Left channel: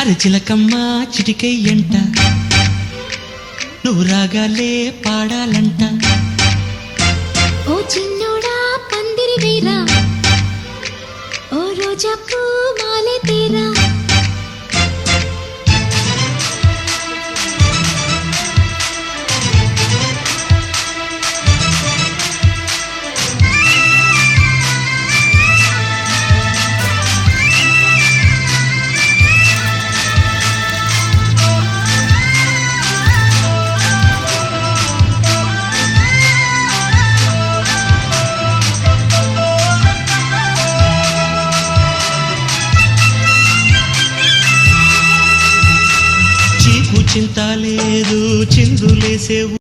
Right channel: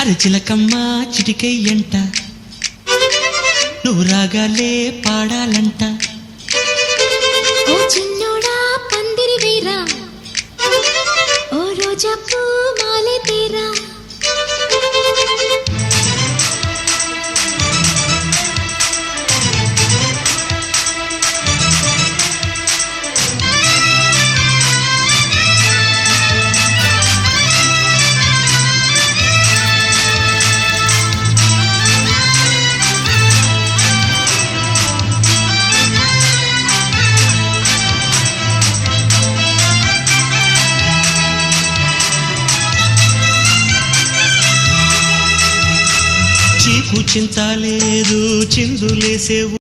అరే చిలకమ్మ చిటికయ్యంట నువ్వు రాగాలే పాడాలంట. ఓ చిన్నోడా పందిరి వేరా, ఓ రోజా పూ మాలే తేరా. చీకు చింతలేదు చిందులేసేవు